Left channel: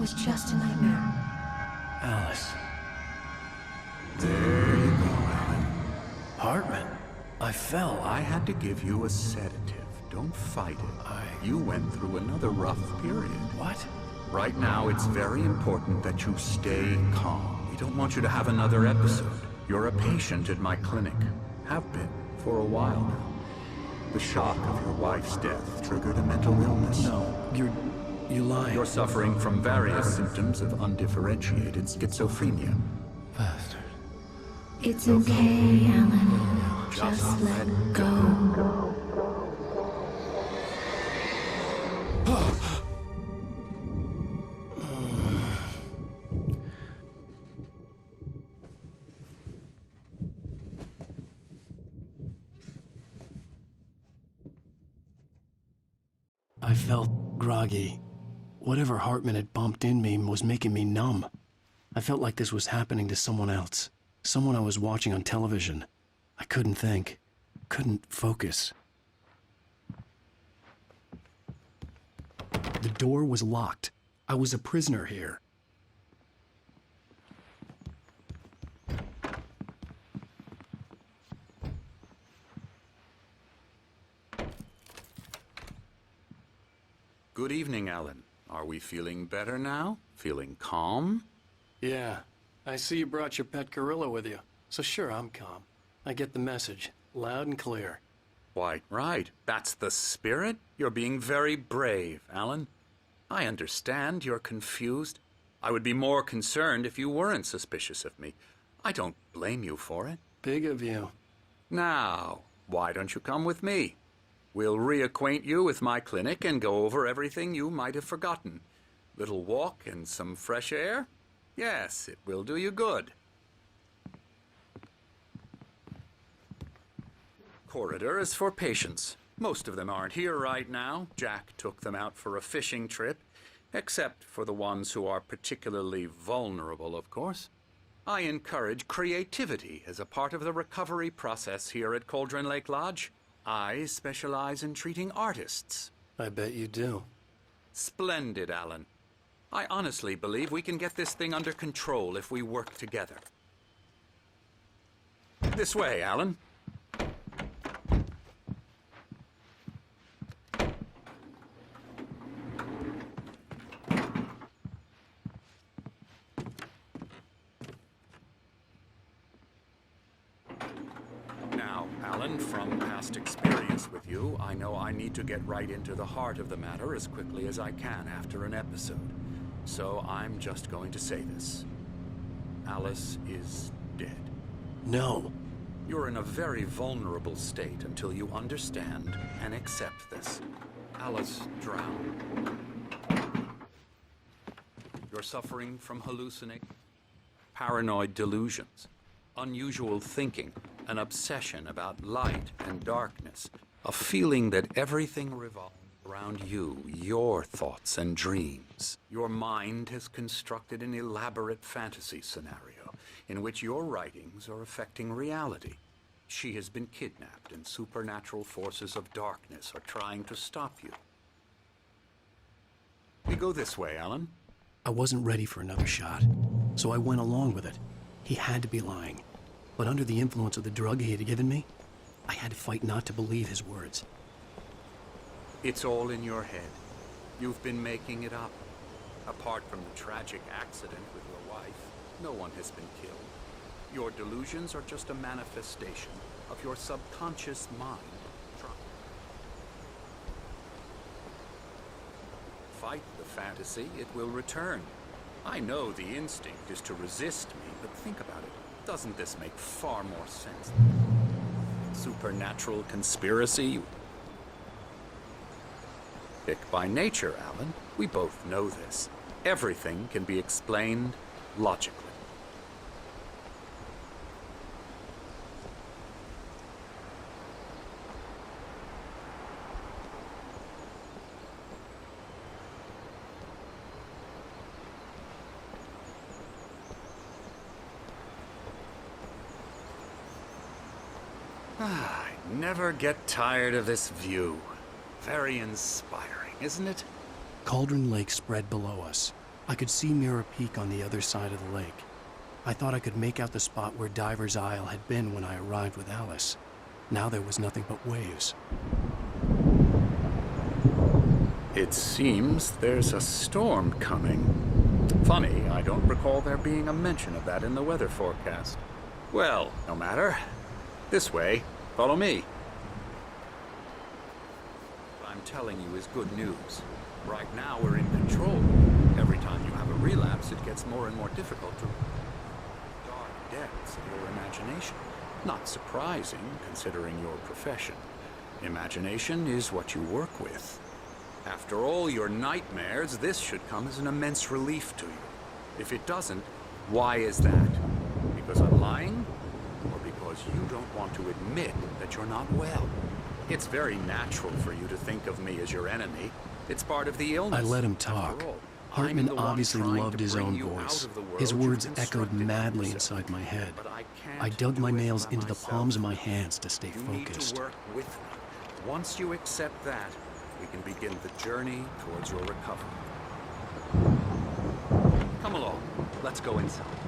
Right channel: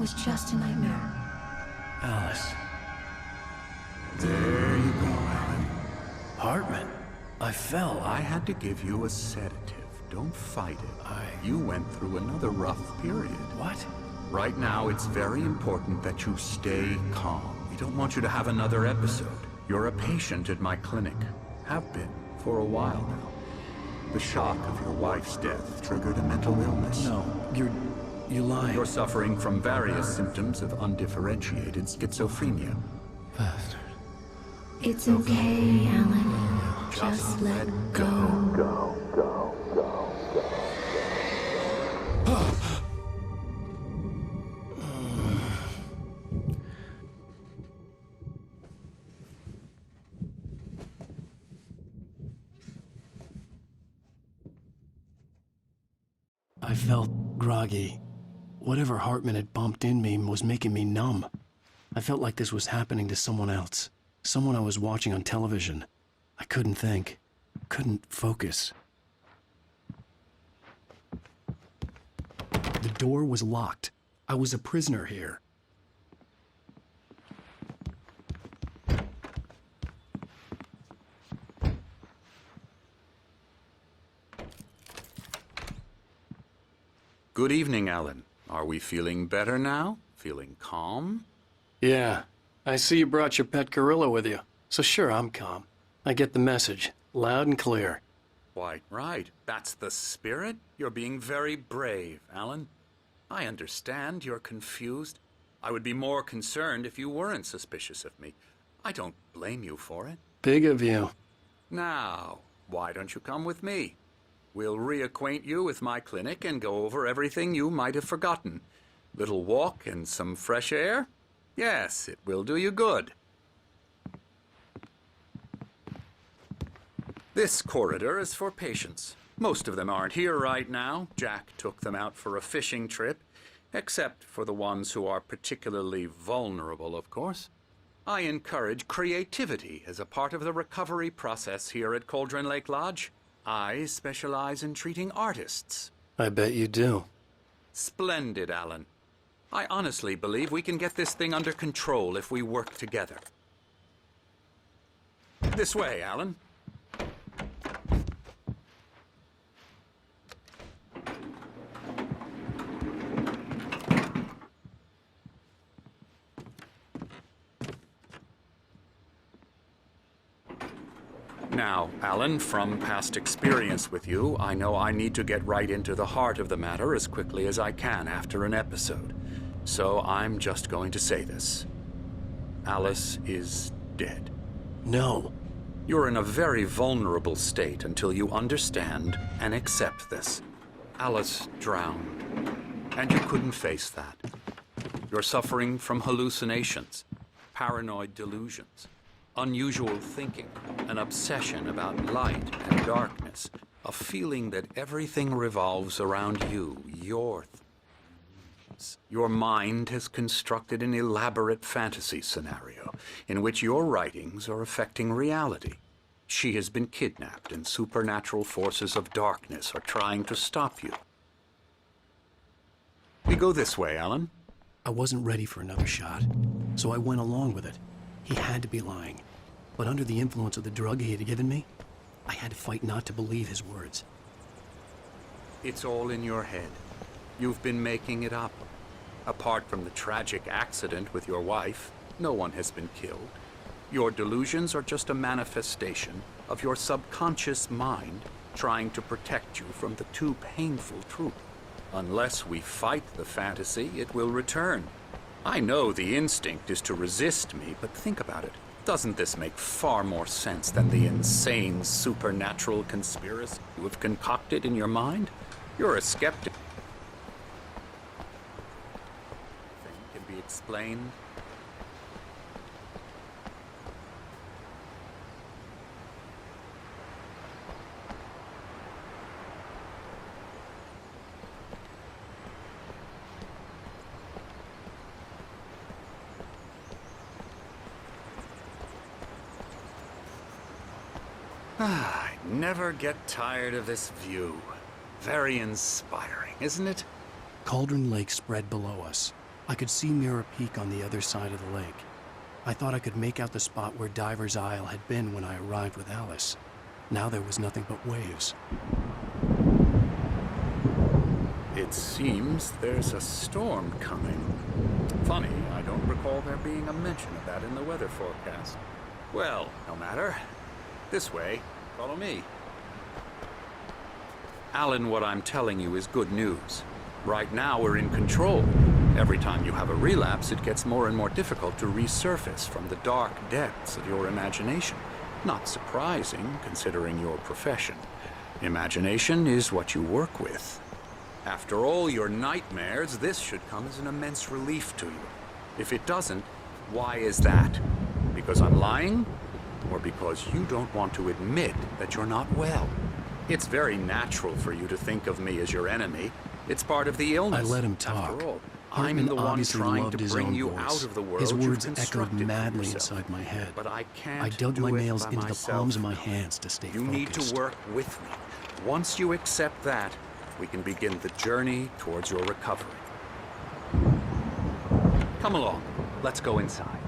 was just a nightmare. Alice. There you go, Alan. Hartman. I fell. I had to give you a sedative. Don't fight it. You went through another rough period. What? Right now, it's very important that you stay calm. We don't want you to have another episode. You're a patient at my clinic. Have been for a while now. The shock of your wife's death triggered a mental illness. No, you lie. You're suffering from various symptoms of undifferentiated schizophrenia. Bastard. It's okay, Alan. Just let go. I felt groggy. Whatever Hartman had bumped in me was making me numb. I felt like this was happening to someone else. Someone I was watching on television. I couldn't think. Couldn't focus. The door was locked. I was a prisoner here. Good evening, Alan. Are we feeling better now? Feeling calm? Yeah. I see you brought your pet gorilla with you. So sure, I'm calm. I get the message. Loud and clear. Quite right. That's the spirit. You're being very brave, Alan. I understand you're confused. I would be more concerned if you weren't suspicious of me. I don't blame you for it. Big of you. Now, why don't you come with me? We'll reacquaint you with my clinic and go over everything you might have forgotten. Little walk and some fresh air? Yes, it will do you good. This corridor is for patients. Most of them aren't here right now. Jack took them out for a fishing trip, except for the ones who are particularly vulnerable, of course. I encourage creativity as a part of the recovery process here at Cauldron Lake Lodge. I specialize in treating artists. I bet you do. Splendid, Alan. I honestly believe we can get this thing under control if we work together. This way, Alan. Now, Alan, from past experience with you, I know I need to get right into the heart of the matter as quickly as I can after an episode. So I'm just going to say this. Alice is dead. No. You're in a very vulnerable state until you understand and accept this. Alice drowned, and you couldn't face that. You're suffering from hallucinations, paranoid delusions, unusual thinking, an obsession about light and darkness, a feeling that everything revolves around you, your thoughts and dreams. Your mind has constructed an elaborate fantasy scenario in which your writings are affecting reality. She has been kidnapped and supernatural forces of darkness are trying to stop you. We go this way, Alan. I wasn't ready for another shot, so I went along with it. He had to be lying. But under the influence of the drug he had given me, I had to fight not to believe his words. It's all in your head. You've been making it up. Apart from the tragic accident with your wife, no one has been killed. Your delusions are just a manifestation of your subconscious mind trying to protect you from the too painful truth. Unless we fight the fantasy, it will return. I know the instinct is to resist me, but think about it. Doesn't this make far more sense than the insane supernatural conspiracy you have concocted in your mind? You're a skeptic by nature, Alan. We both know this. Everything can be explained logically. I never get tired of this view. Very inspiring, isn't it? Cauldron Lake spread below us. I could see Mirror Peak on the other side of the lake. I thought I could make out the spot where Diver's Isle had been when I arrived with Alice. Now there was nothing but waves. It seems there's a storm coming. Funny, I don't recall there being a mention of that in the weather forecast. Well, no matter. This way. Follow me. Alan, what I'm telling you is good news. Right now, we're in control. Every time you have a relapse, it gets more and more difficult to resurface from the dark depths of your imagination. Not surprising, considering your profession. Imagination is what you work with. After all your nightmares, this should come as an immense relief to you. If it doesn't, why is that? Because I'm lying? Or because you don't want to admit that you're not well? It's very natural for you to think of me as your enemy. It's part of the illness. I let him talk. After all, Hartman I'm the one obviously trying loved to his bring own you voice. out of the world His you've words echoed constructed for madly yourself. inside my head. But I can't I dug do my it nails by into the myself. palms of my hands to stay You focused. need to work with me. Once you accept that, we can begin the journey towards your recovery. Come along. Let's go inside.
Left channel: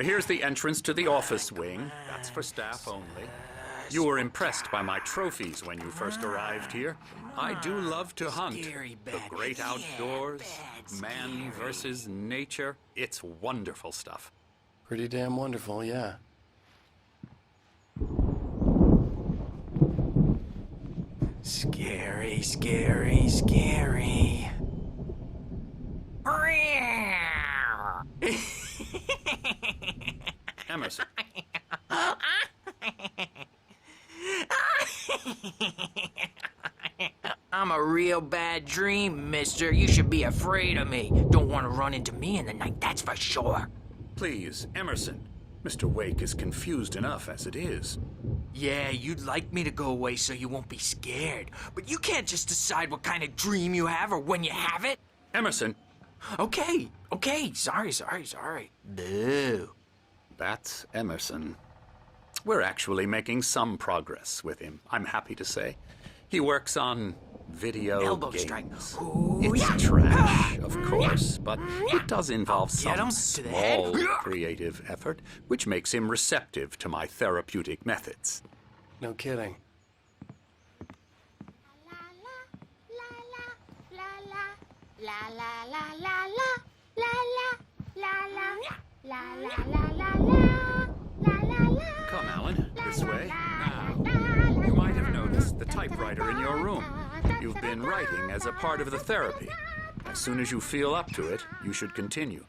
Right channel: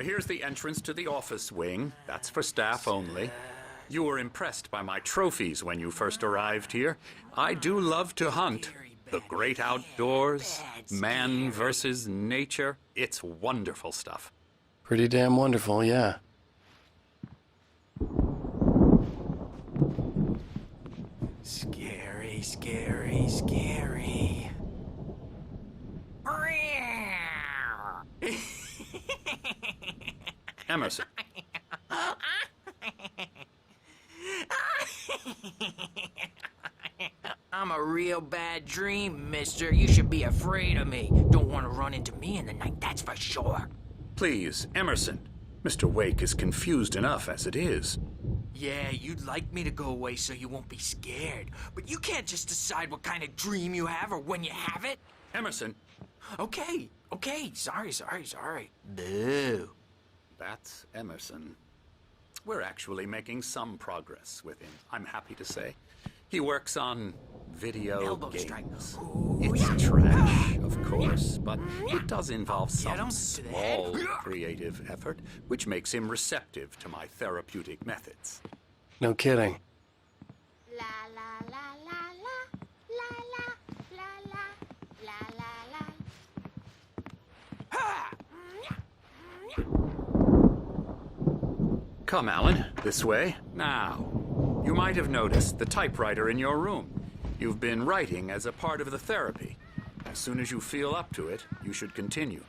Here's the entrance to the office wing. That's for staff only. You were impressed by my trophies when you first arrived here. I do love to hunt. The great outdoors, man versus nature. It's wonderful stuff. Pretty damn wonderful, yeah. Scary, scary, scary. Emerson. I'm a real bad dream, mister. You should be afraid of me. Don't want to run into me in the night, that's for sure. Please, Emerson. Mr. Wake is confused enough as it is. Yeah, you'd like me to go away so you won't be scared. But you can't just decide what kind of dream you have or when you have it. Emerson. Okay. Sorry. Boo. That's Emerson. We're actually making some progress with him, I'm happy to say. He works on video Elbow games. strike. Ooh, It's yeah. trash, of course, but it does involve Get him some to the head. small creative effort, which makes him receptive to my therapeutic methods. No kidding. La la la la la la la la la la la la la la la la. Come, Alan, this way. Now, you might have noticed the typewriter in your room. You've been writing as a part of the therapy. As soon as you feel up to it, you should continue.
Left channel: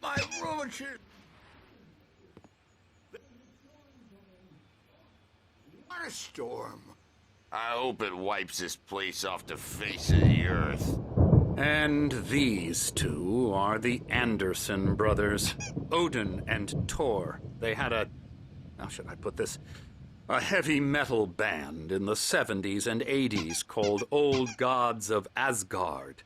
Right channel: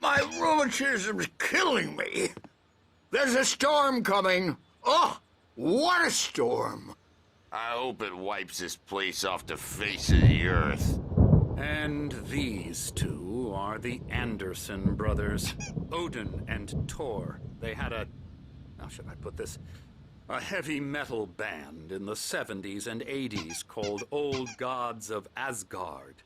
My rheumatism's killing me. There's a storm coming. Oh, what a storm. I hope it wipes this place off the face of the earth. And these two are the Anderson brothers, Odin and Tor. They had how should I put this? A heavy metal band in the 70s and 80s called Old Gods of Asgard.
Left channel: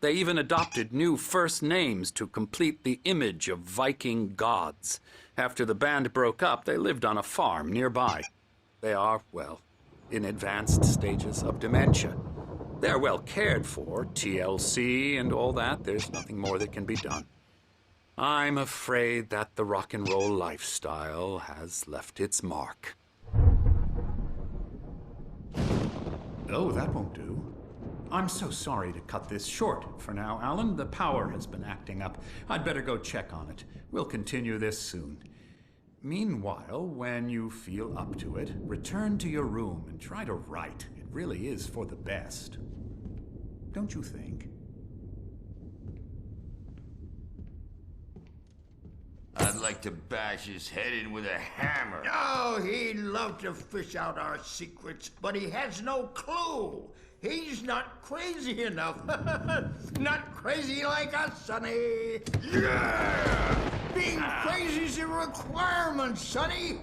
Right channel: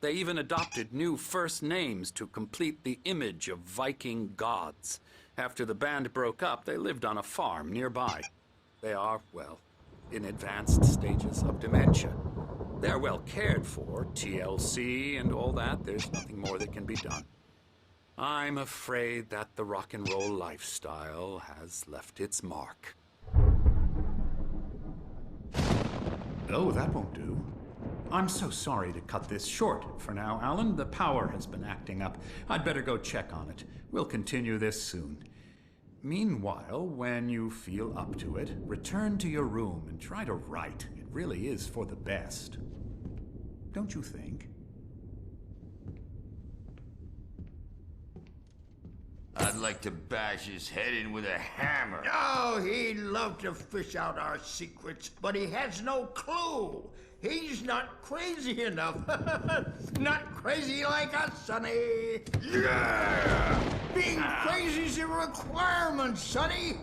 They even adopted new first names to complete the image of Viking gods. After the band broke up, they lived on a farm nearby. They are, well, in advanced stages of dementia. They're well cared for, TLC and all that. There's nothing more that can be done. I'm afraid that the rock and roll lifestyle has left its mark. Oh, that won't do. I'm so sorry to cut this short for now, Alan. The power has been acting up. I'd better go check on it. We'll continue this soon. Meanwhile, when you feel up to it, return to your room and try to write. It really is for the best. Don't you think? I'd like to bash his head in with a hammer. Oh, he'd love to fish out our secrets, but he has no clue. He's not crazy enough. Not crazy like us, Sonny. Yeah! Being crazy's a requirement, Sonny.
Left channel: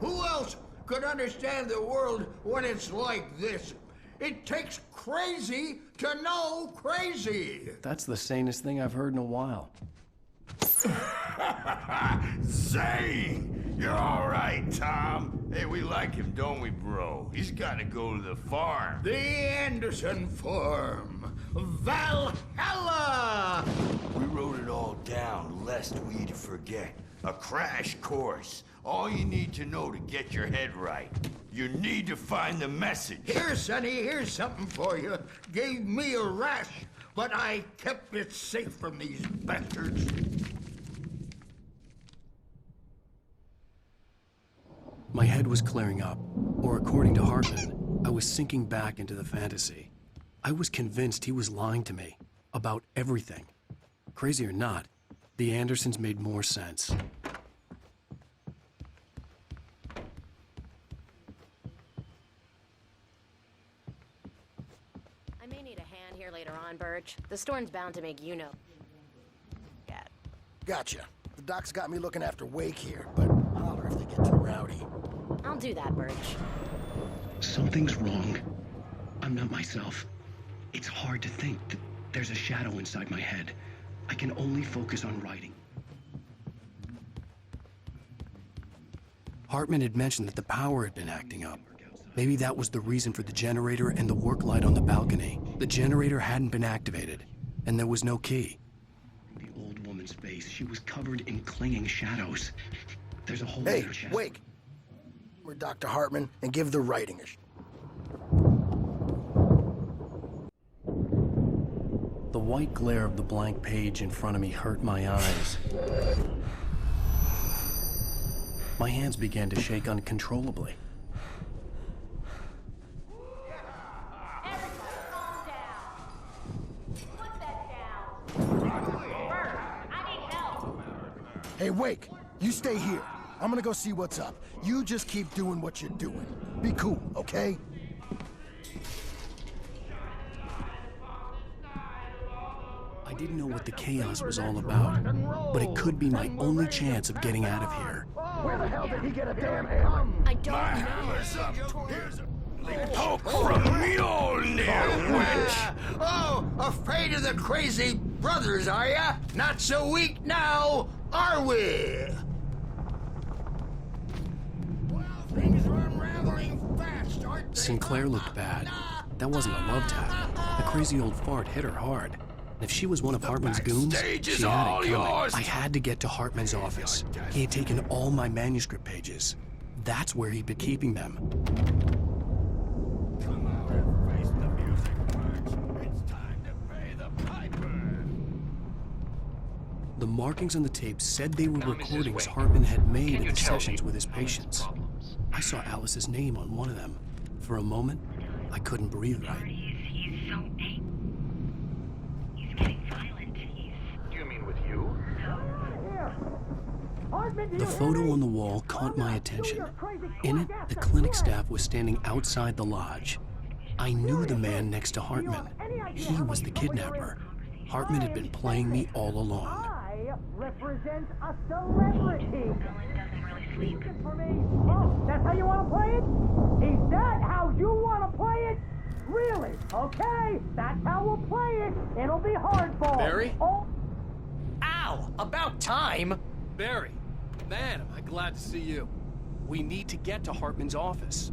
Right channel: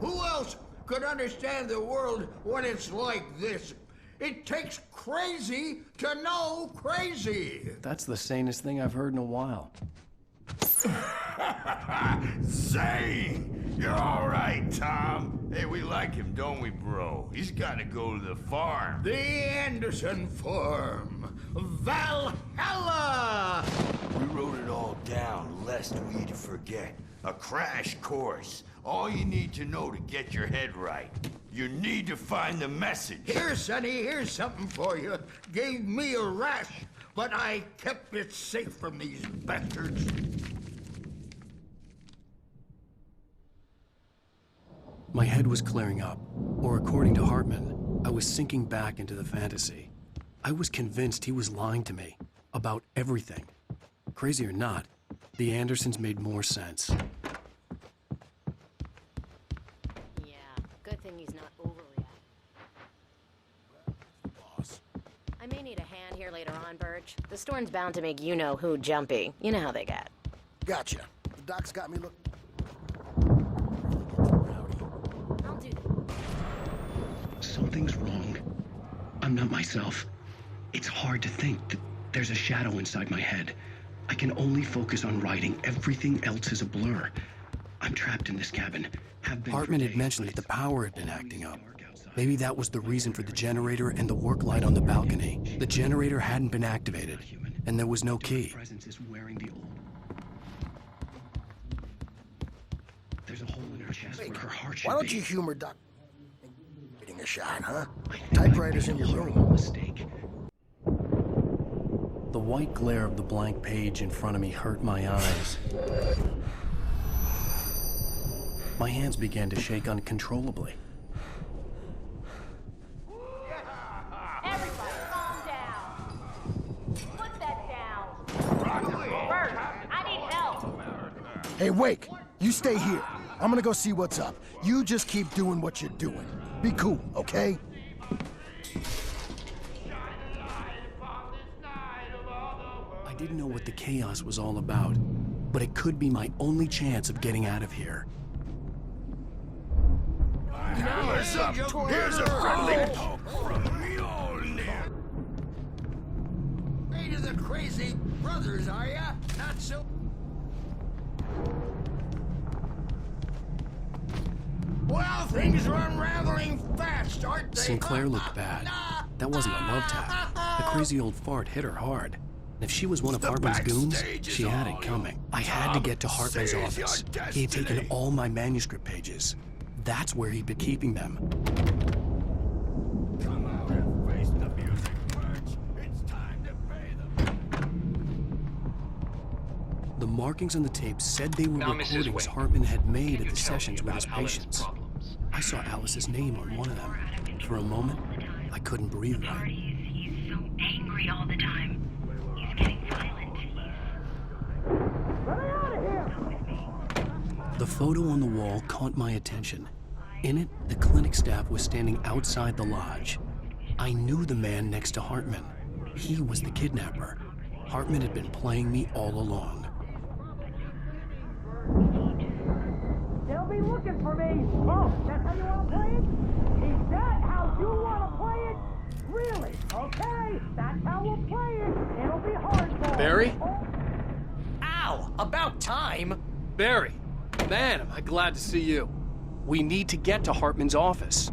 Who else could understand the world when it's like this? It takes crazy to know crazy. That's the sanest thing I've heard in a while. Zane! You're all right, Tom. Hey, we like him, don't we, bro? He's got to go to the farm. The Anderson Farm. Valhalla! We wrote it all down, lest we'd forget. A crash course. All you need to know to get your head right. You need to find the message. Here, Sonny, here's something for you. Gave me a rash, but I kept it safe from these bastards. My head was clearing up, or according to Hartman, I was sinking back into the fantasy. I was convinced he was lying to me about everything. Crazy or not, the Andersons made more sense. Yeah, good thing he's not overreacting. I may need a hand here later on, Birch. The storm's bound to make you-know-who jumpy. You know how they get. Gotcha. The doc's got me looking after Wake here, but holler if they get too rowdy. I'll do that, Birch. Something's wrong. I'm not myself. It's hard to think that there's a shadow inside my head. I can only focus on writing. Everything else is a blur. I'm trapped in this cabin. Hartman had mentioned that the power had been acting up. Maybe that was the reason for the generator and the work light on the balcony. The generator hadn't been activated, and there was no key. The old woman's face. She was covered in clinging shadows. There's a hole Hey, in her chest Wake, where her heart should why don't be. you humor Dr. Hartman and give the writing a shot, huh? Typewriter's in your room. Mistake. The white glare of the blank page in front of me hurt my eyes. My hands began to shake uncontrollably. Everybody, calm down. Put that down. Bert, I need help. Hey, Wake, you stay here. I'm gonna go see what's up. You just keep doing what you're doing. Be cool, okay? I didn't know what the chaos was all about, but it could be my only chance of getting out of here. Where the hell did he get a damn hammer? I don't know. Hammer's up. Here's a friendly poke from Mjolnir, witch. Oh, afraid of the crazy brothers, are ya? Not so weak now, are we? Well, things are unraveling fast, aren't they? Sinclair looked bad. That wasn't a love tap. The crazy old fart hit her hard. And if she was one of Hartman's goons, backstage is she had all it coming. yours, I had to Tom. get to Hartman's Seize office. your He had taken destiny. all my manuscript pages. That's where he'd been keeping them. Come out and face the music, witch. It's time to pay the piper. The markings on the tape said they were Now, Mrs. recordings Wake, Hartman had made can at you the tell me sessions with his about Alice's patients. problems? I saw Alice's name on one of them. For a moment, I couldn't breathe right. He's so angry all the time. He's getting violent. The photo on the wall caught my attention. In it, the clinic staff was standing outside the lodge. I knew the man next to Hartman. He was the kidnapper. Hartman had been playing me all along. They'll be looking for me. Oh, that's how you want to play it? Is that how you want to play it? Really? Okay, that's how we'll play it. It'll be hardball. Barry? Oh. Ow! About time! Barry, man, am I glad to see you. We need to get to Hartman's office.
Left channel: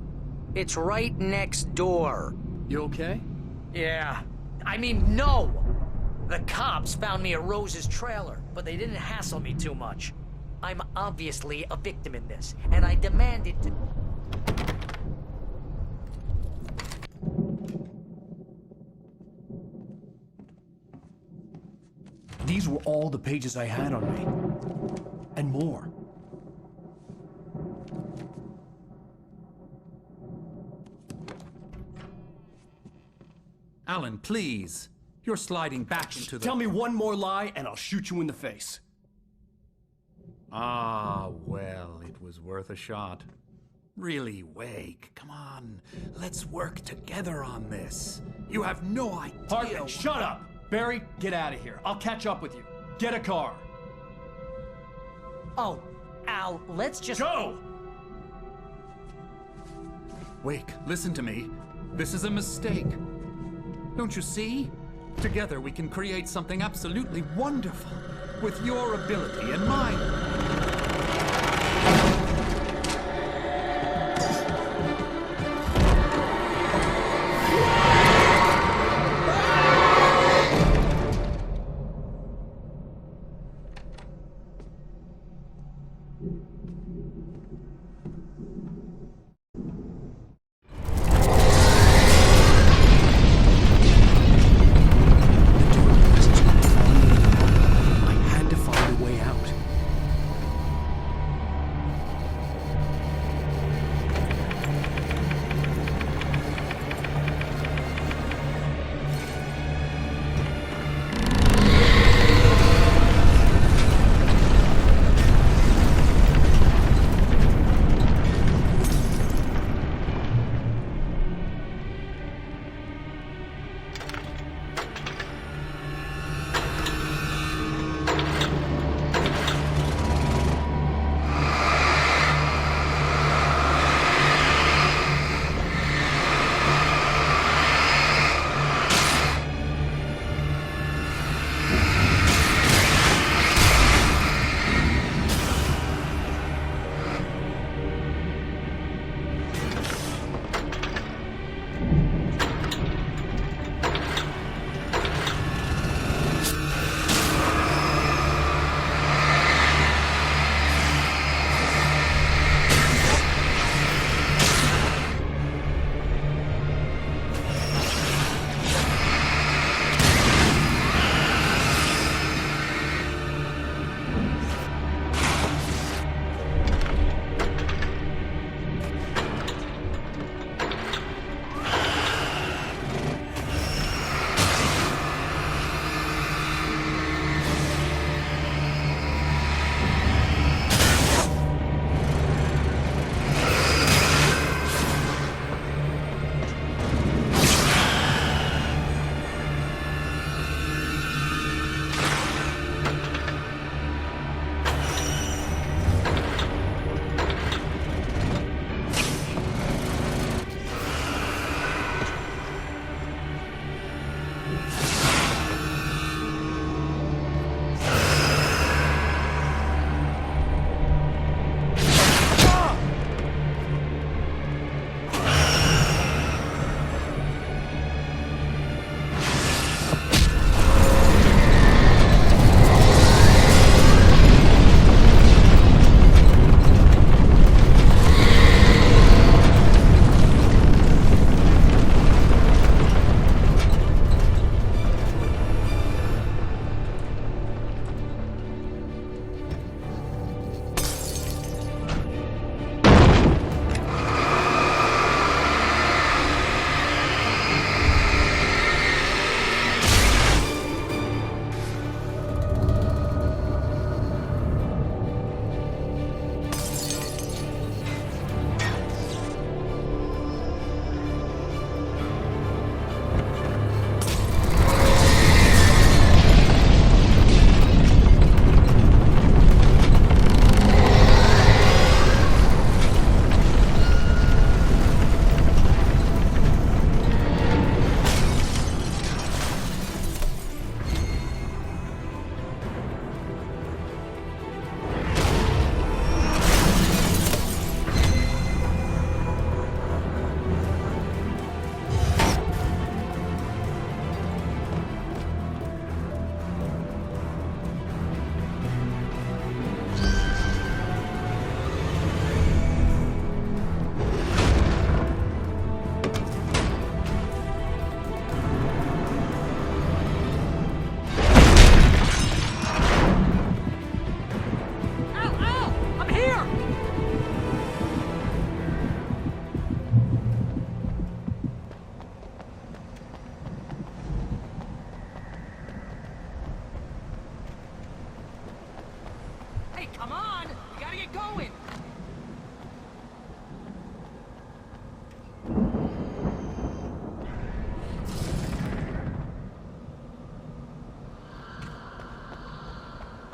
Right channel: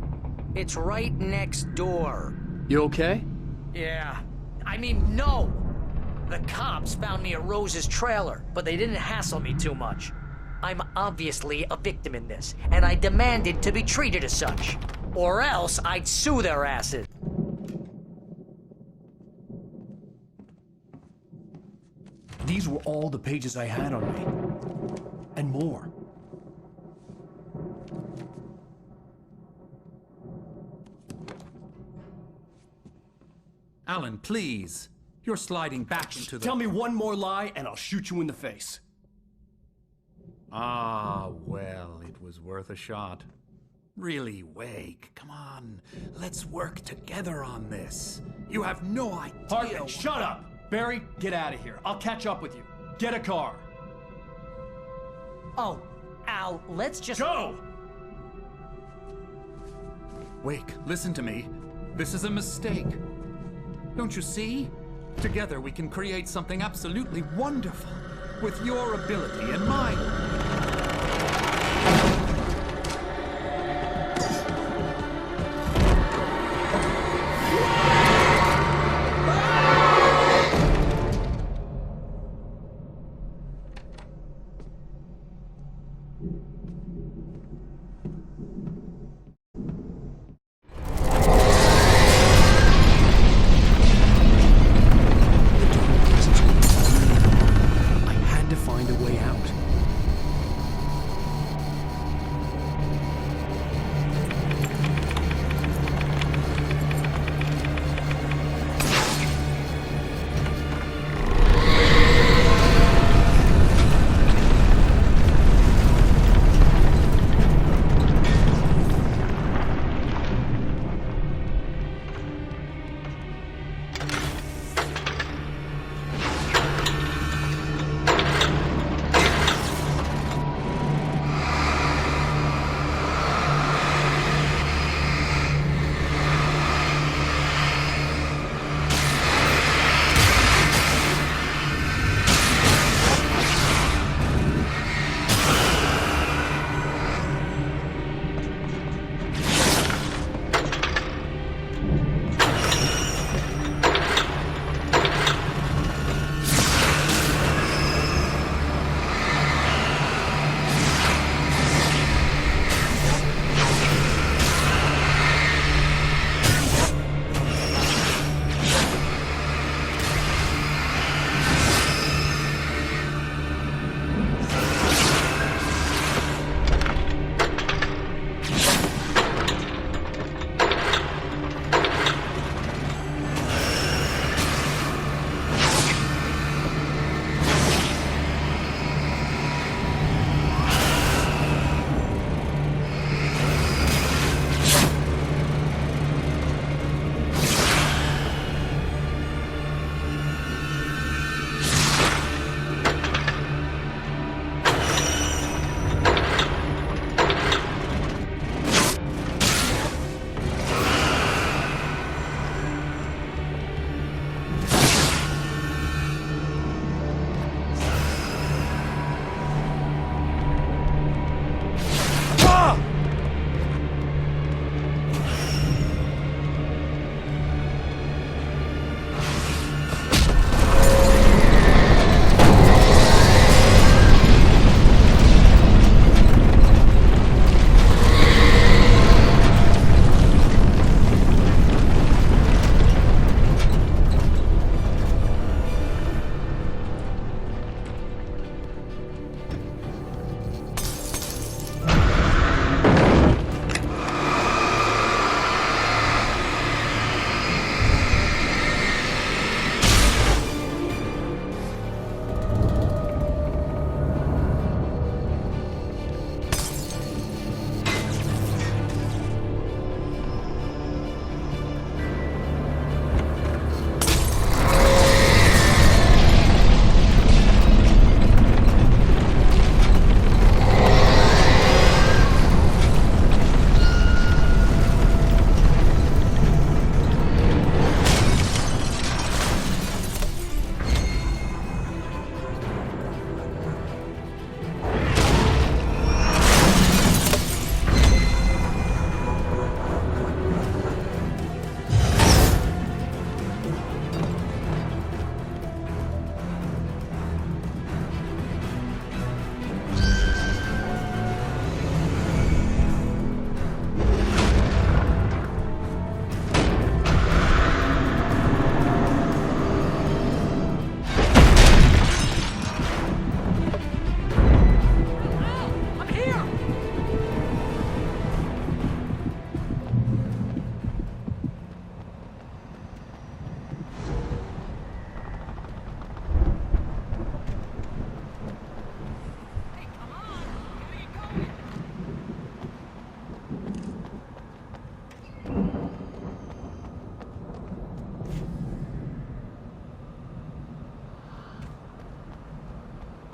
It's right next door. You okay? Yeah. I mean, no! The cops found me at Rose's trailer, but they didn't hassle me too much. I'm obviously a victim in this, and I demanded to be treated as such. Or else I'd sue their asses. These were all the pages I had on me. And more. Alan, please. You're sliding back into the... Tell me one more lie and I'll shoot you in the face. Ah, well, it was worth a shot. Really, Wake, come on. Let's work together on this. You have no idea... Hartman, shut up! Barry, get out of here. I'll catch up with you. Get a car. Oh, Al, let's just... Go! Wake, listen to me. This is a mistake. Don't you see? Together we can create something absolutely wonderful. with your ability and mine.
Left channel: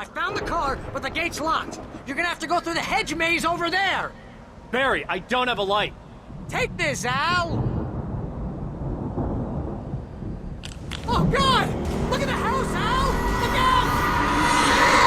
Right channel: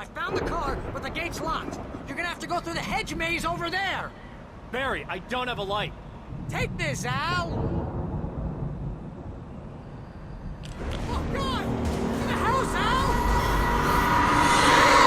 I found the car, but the gate's locked. You're gonna have to go through the hedge maze over there. Barry, I don't have a light. Take this, Al! Oh, God! Look at the house, Al! Look out!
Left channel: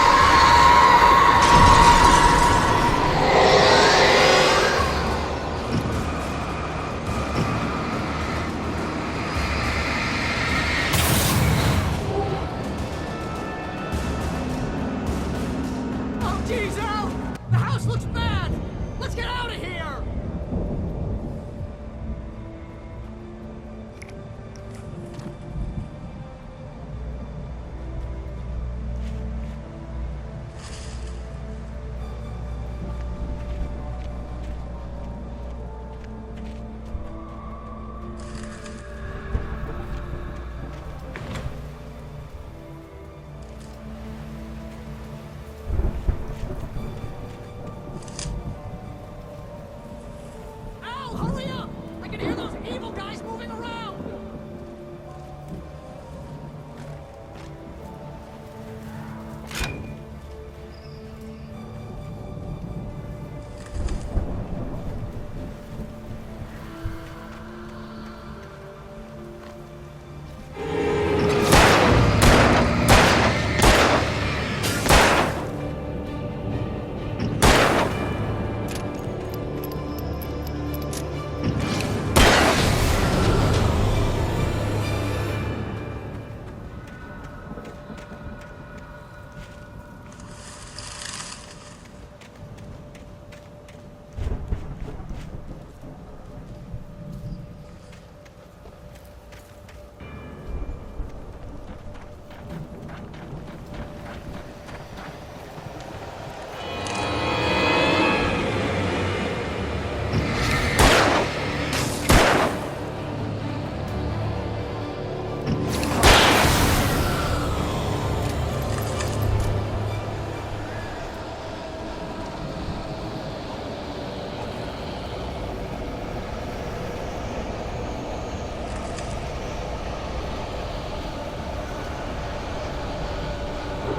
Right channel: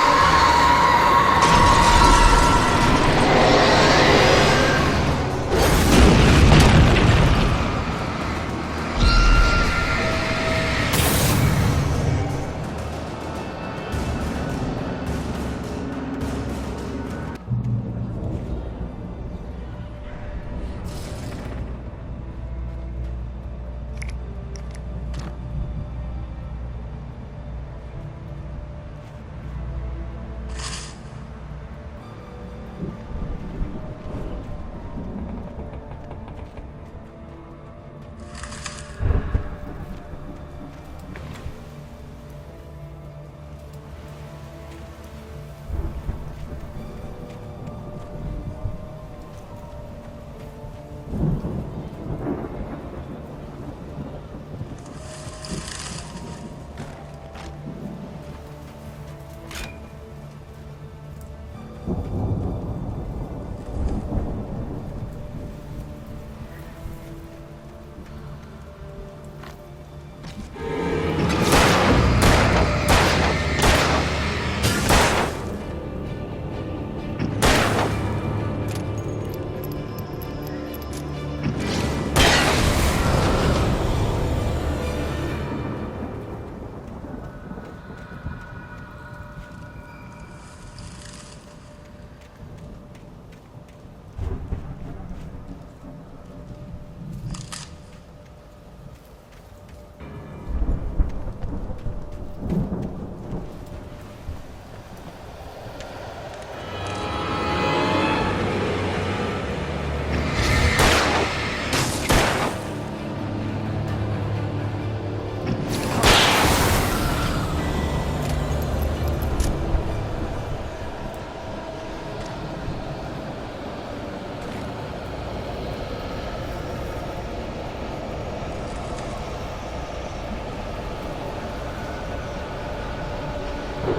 Be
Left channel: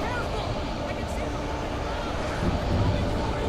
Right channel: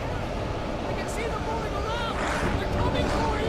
careful! I can see them moving around! They're coming for you!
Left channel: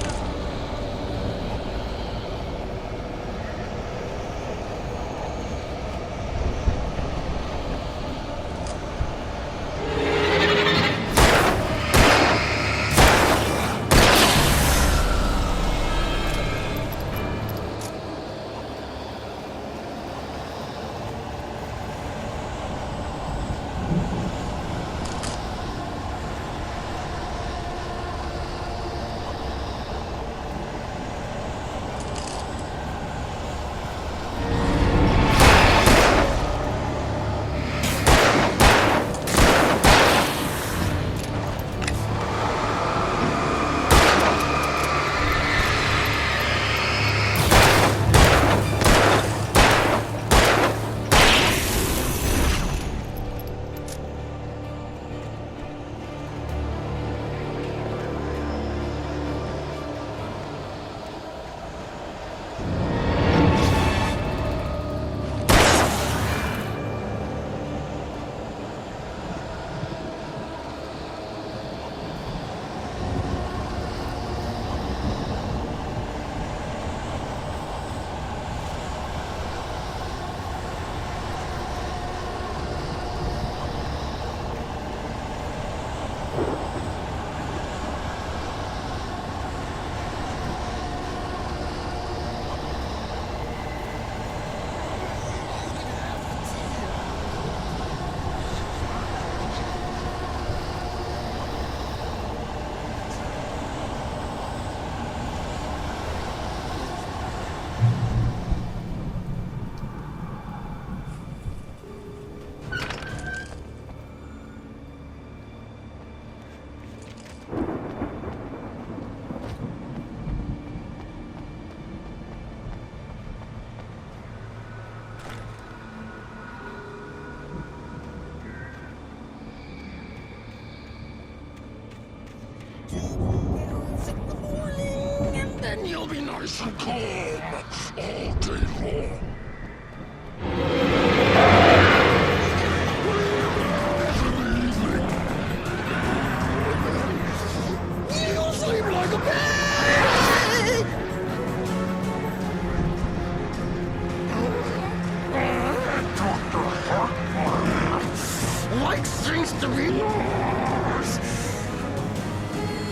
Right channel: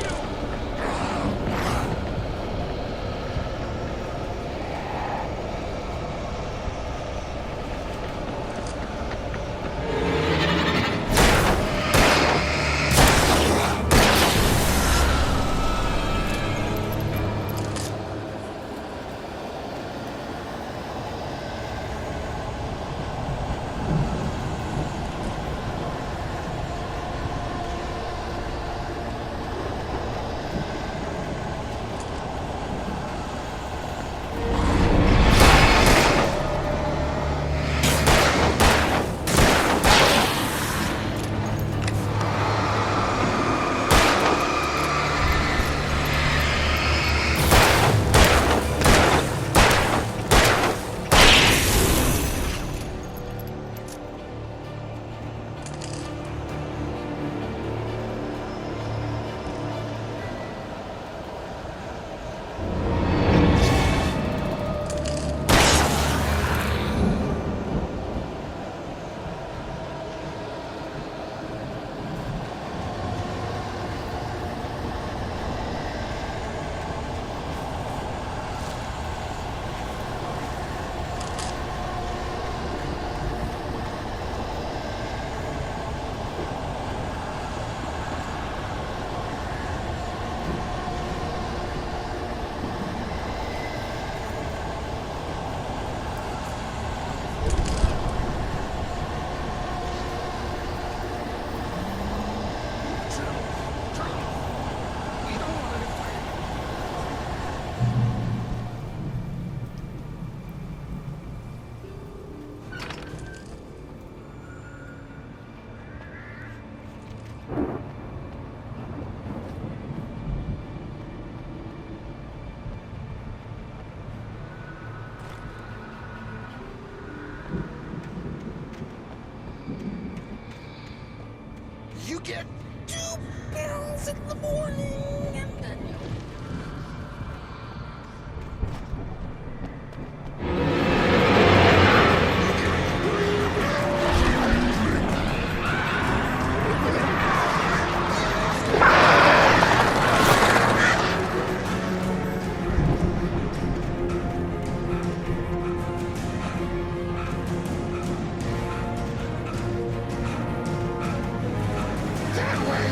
You get 2 pills in the morning, and then you'll be nice and calm all day long. Like things to be yours. That way.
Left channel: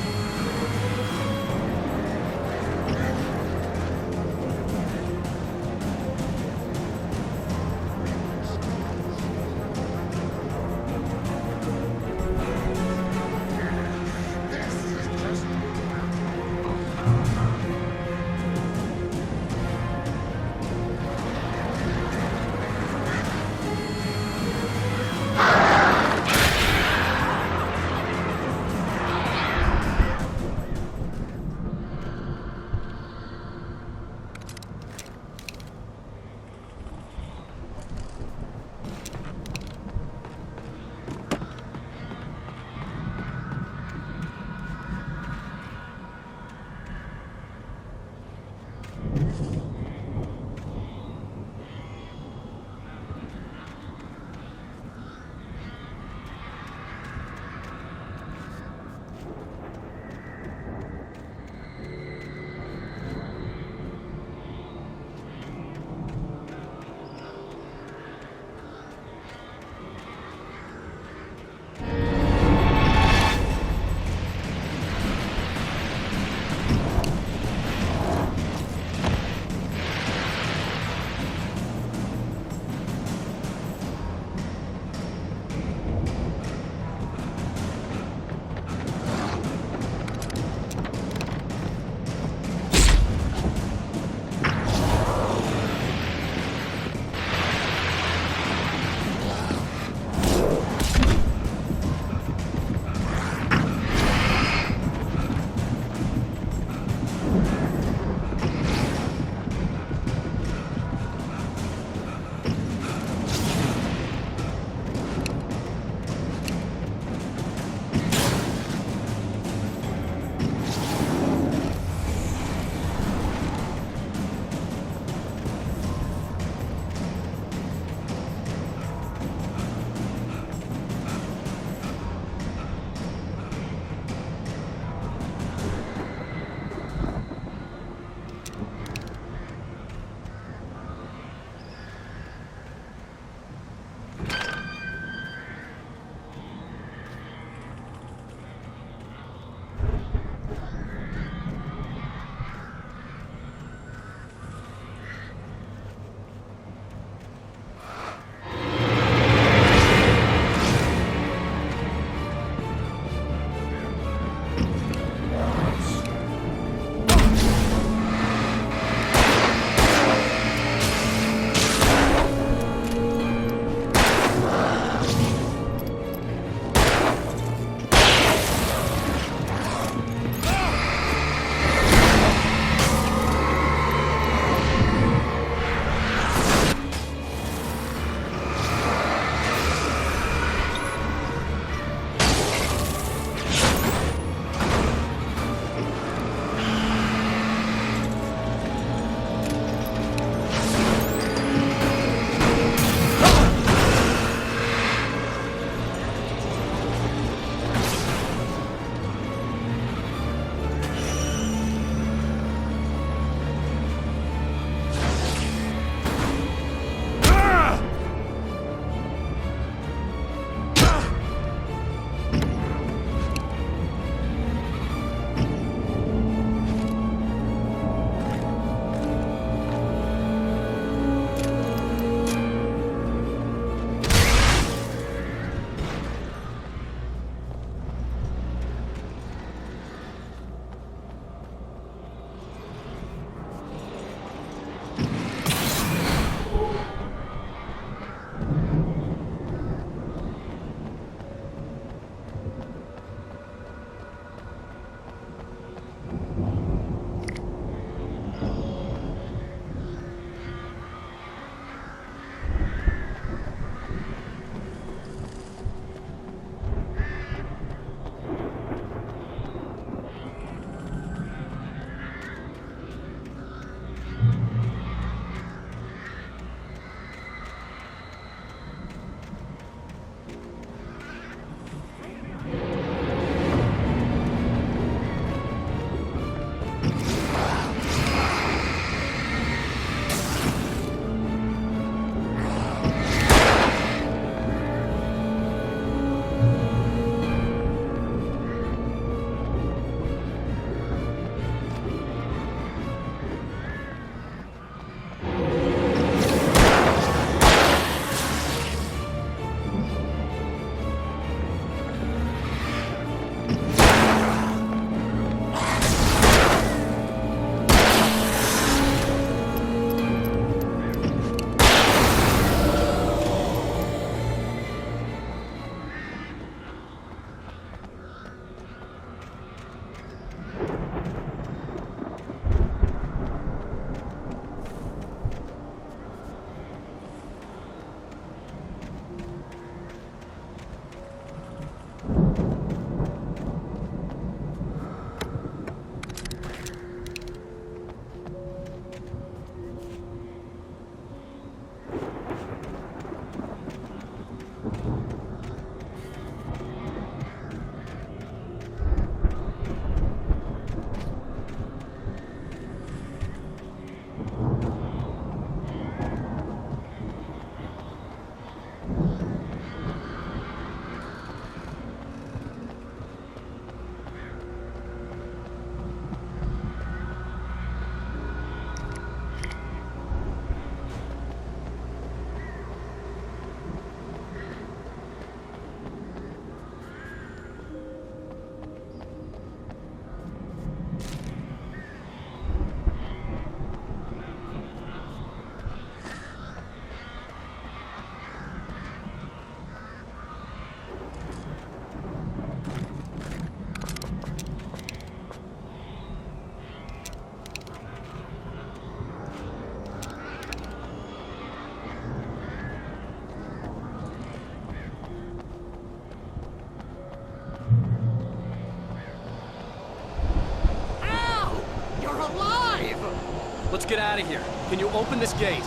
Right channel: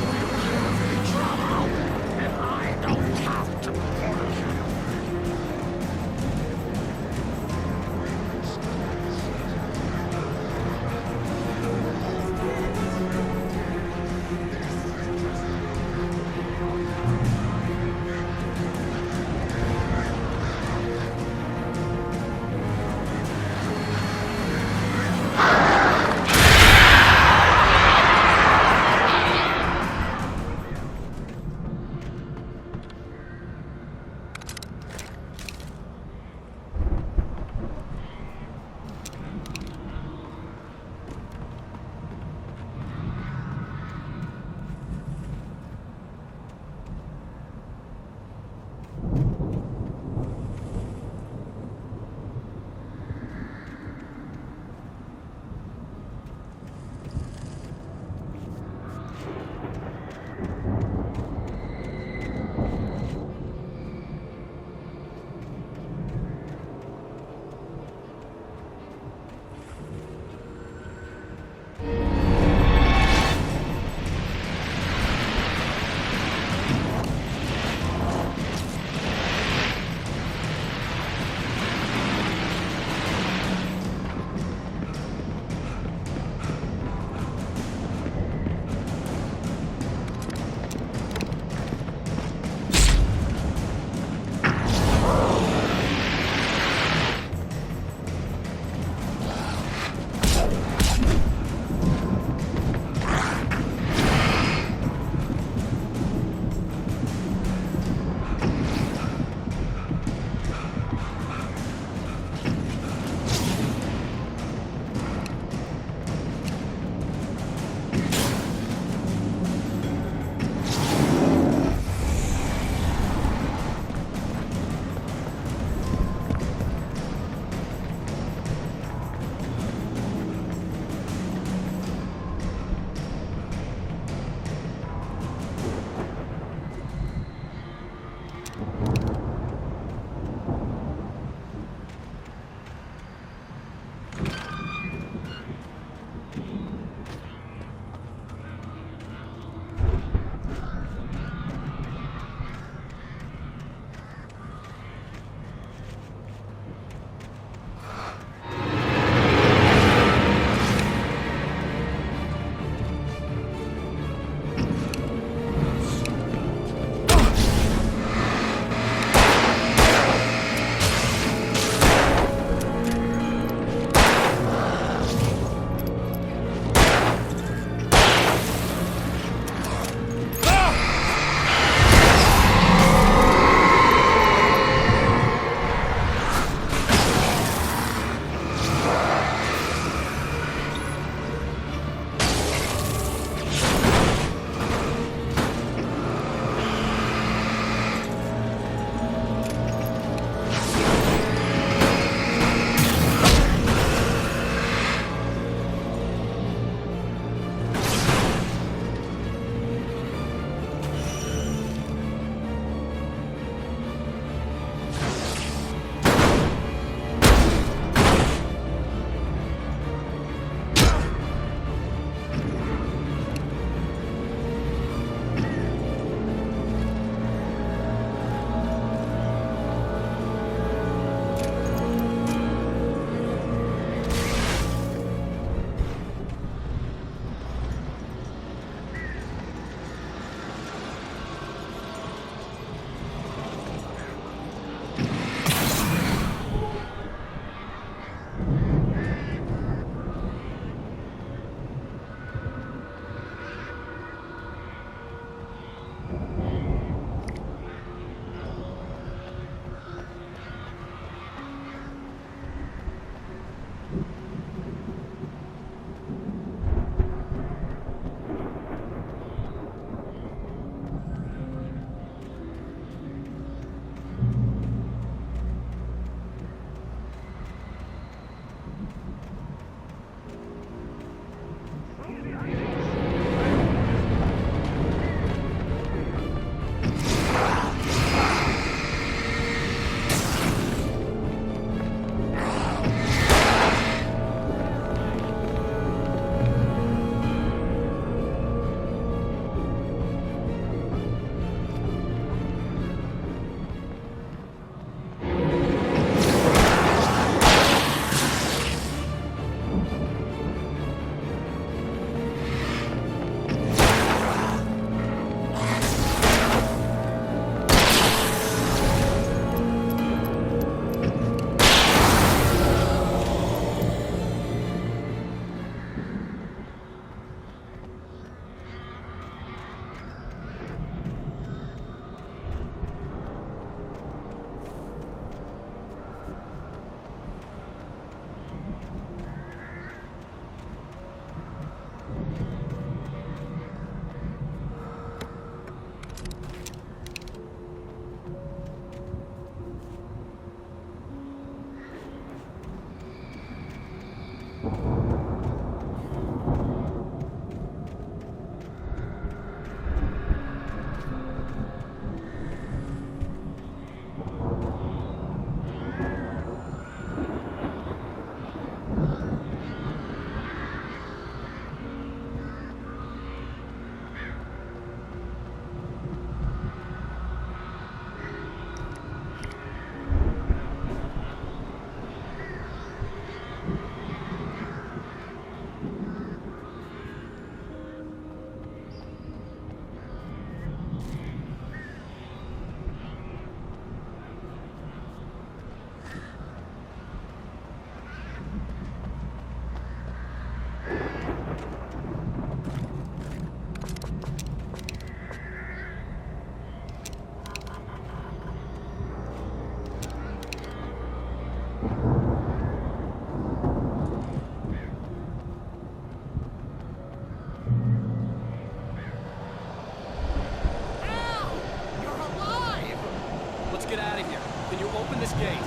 get out of here. Can you open this gate?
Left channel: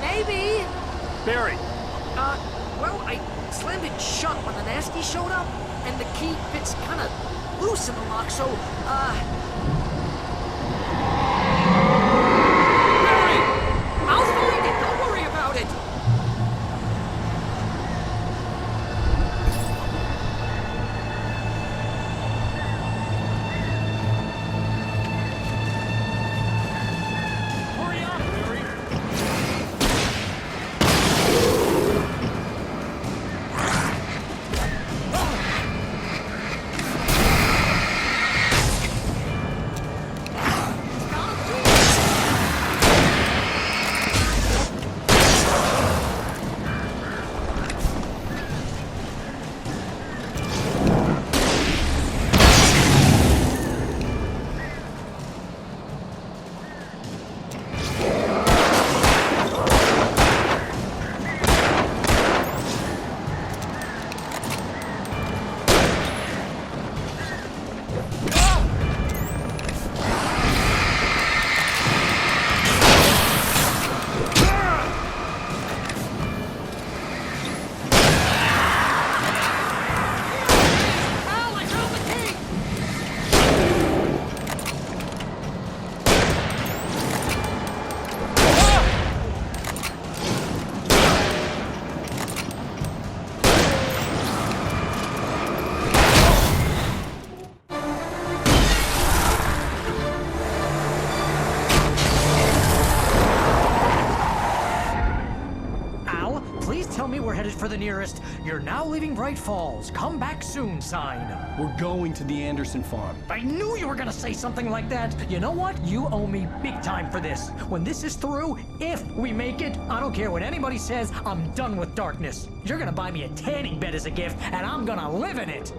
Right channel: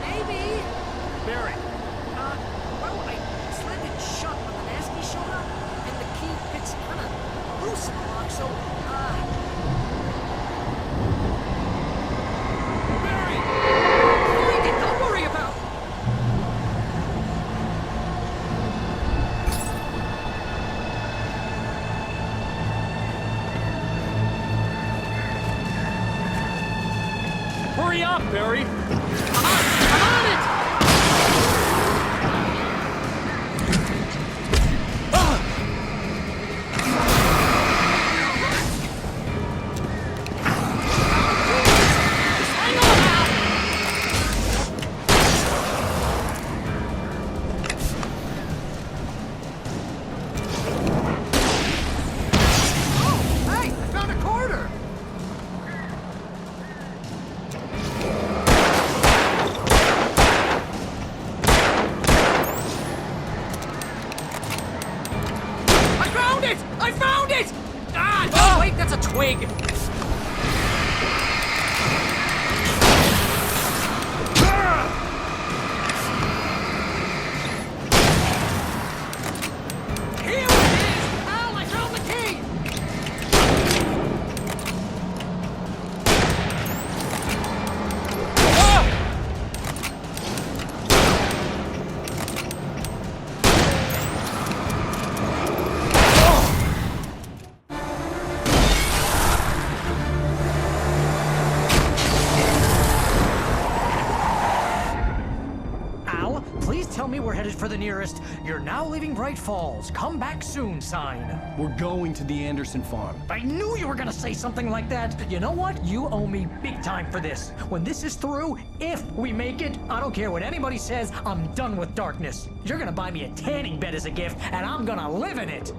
Maybe. Barry. Well, I slammed it shut when the nasty showed up, and the key fits kind of loose in the lock, so, Barry! I'll find it. Don't worry about it. Hurry up, Barry! I'm on it. I found it! Ah, wait, that's a twig. Here it is! Al, I found the key! Please tell me we're headed for the nearest "You're now leaving Bright Falls. Come back soon" sign. We're going to the Anderson farm. I knew you were gonna say something like that. You know what? You owe me big time for this. When this is through, if we make it, I don't care what anybody says, I'm done with darkness. You're gonna buy me a tanning bed as a gift, and I'm gonna live in it.